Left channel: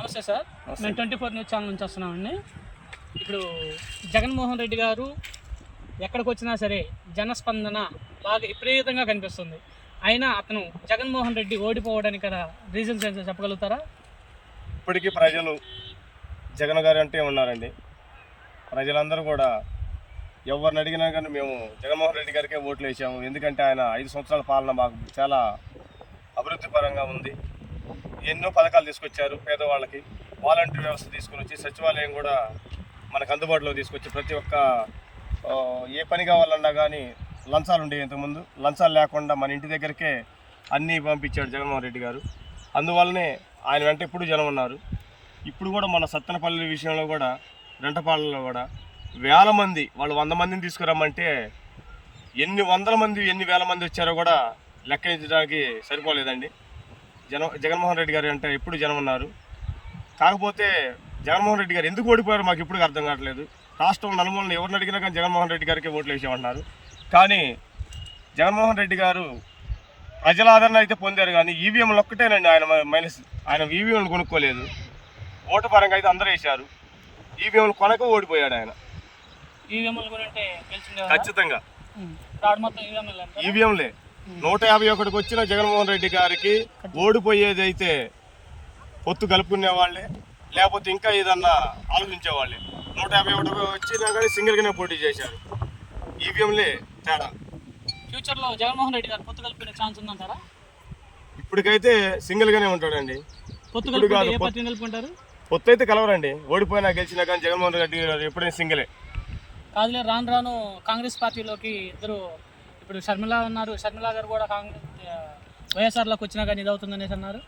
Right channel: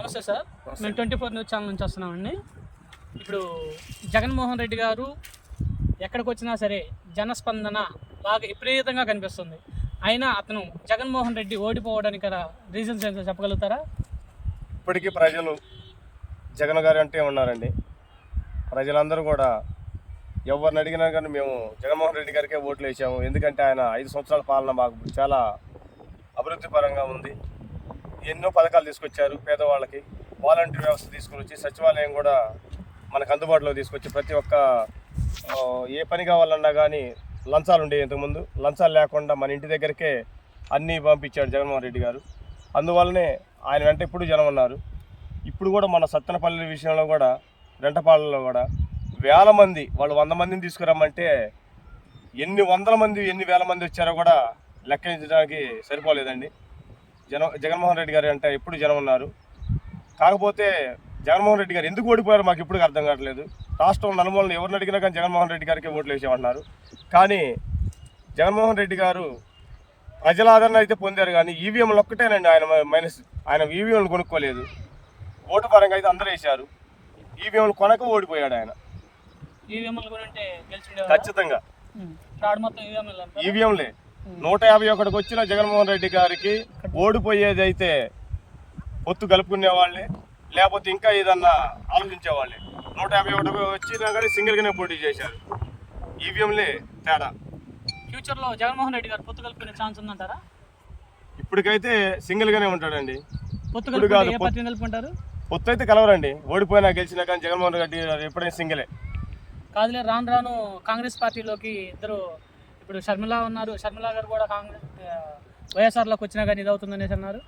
నమస్తే సార్, మేము 24 news channel నుంచి వస్తున్నామండి. ఇప్పుడు జగన్మోహన్ రెడ్డి గారు ఎక్కడికి వచ్చినా సరే జనస్పందన బాగా విపరీతంగా కనిపిస్తుంది. అయినా అతను జగన్మోహన్ రెడ్డి ఓడిపోవడానికి కదా రీజన్స్ ఏంటో చెప్పగలుగుతారా? ఇప్పటికీ ప్రజలు జగన్ గారు అంటే ఉన్నారండి. ప్రజలందరూ కూడా ఎవరిని అడిగినా కానీ మేము జగన్మోహన్ రెడ్డి గారికే ఓట్లు వేసాము. ఎందుకంటే ఆయన 5 సంవత్సరాల పాలన మాకు చాలా అభివృద్ధి పరంగా ఉంది. ఎన్నో పథకాలు తీసుకొచ్చారు. పేదవాళ్ళకి వాలంటీర్ వ్యవస్థ తీసుకొని వచ్చి సచివాలయం కూడా మనకు అందుబాటులో తీసుకొచ్చి ప్రతి ఒక్క ఏ పని కావాలన్నా కానీ లంచాలు ఉండేవి. ఇంతకుముందు లంచాలు లేకుండా మన ఇంటి దగ్గరికే అన్నీ పంపించాడు జగన్మోహన్ రెడ్డి గారు. అందువల్లనే ఆయన వెంట ఇప్పుడు జనం ఉన్నారు. ఇప్పుడు కూడా మన సత్తెనపల్లి విషయంలో కూడా రెంటపాళ్ళలో కూడా వేల మంది, వాళ్ళు 100 మందిని తీసుకురమ్మంటే ఎన్ని వందల మంది ఎన్ని వేల మంది వచ్చారో కూడా లెక్కించడానికి సరిపోలేదండి. జగన్మోహన్ రెడ్డి గారు అంటే ఎప్పుడు జనం ఉన్నారు. కాకపోతే జగన్మోహన్ రెడ్డి గారు ఎందుకు ఓడిపోయారో మాకు ఇప్పుడు అర్థం కావట్లేదు. రాష్ట్రం నలుమూలను ఎవరిని అడిగినా కానీ జగన్మోహన్ రెడ్డి గారికి ఓట్లు వేసేమన్నారు. కానీ జగన్మోహన్ రెడ్డి గారు ప్రజల ఆదరణ అయితే పొందారు, కానీ ఈవీఎంలు ఒక్కటేనండి ఆయన మైనస్. ఆయన ఈవీఎంలు కొనుక్కోలేదు. ఓటు పరంగా అయితే అందరూ వేశారు. ఈవీఎంలు కొనక ఓడిపోయాడు ఆయన. ఈవీఎంలు కూడా అంటే ఖచ్చితంగా ఈవీఎంలే 151కి వచ్చిన జగన్మోహన్ రెడ్డి గారికి ఓడిపోయేది అయితే పొత్తు కలుపుకునే వాళ్ళే, లేకపోతే ఇంకా ఏదన్నా ఆలోచించేవాళ్ళే. 151 వచ్చినా కానీ సింగిల్గానే పోటీ చేశారు. ఈవీఎంలే తేడా. ఫ్యూచర్లో జగన్మోహన్ రెడ్డి గారు పొత్తు కలుపుకునే ఛాన్స్ ఉందంటారా? ఇప్పటికైతే సింగిల్గానే ఉంటాడండి. పొత్తు కలుపుకుంటే ఏ పార్టీని కలుపుకుంటారు? పొత్తు అయితే కలవరండి. ఓడిపోయినా గెలిచినా కానీ జగన్మోహన్ రెడ్డి గారు ఎప్పుడైనా సింగిలే. కాదులే, రాను రాను కాంగ్రెస్ పార్టీలోకి ఇద్దరు, ఇప్పుడు షర్మిల ఉన్నారు, షర్మిల గారు కూడా కాంగ్రెస్ వైఎస్ఆర్లోకి వచ్చినా కానీ ఇది అవుతుందనేసి అన్నారు.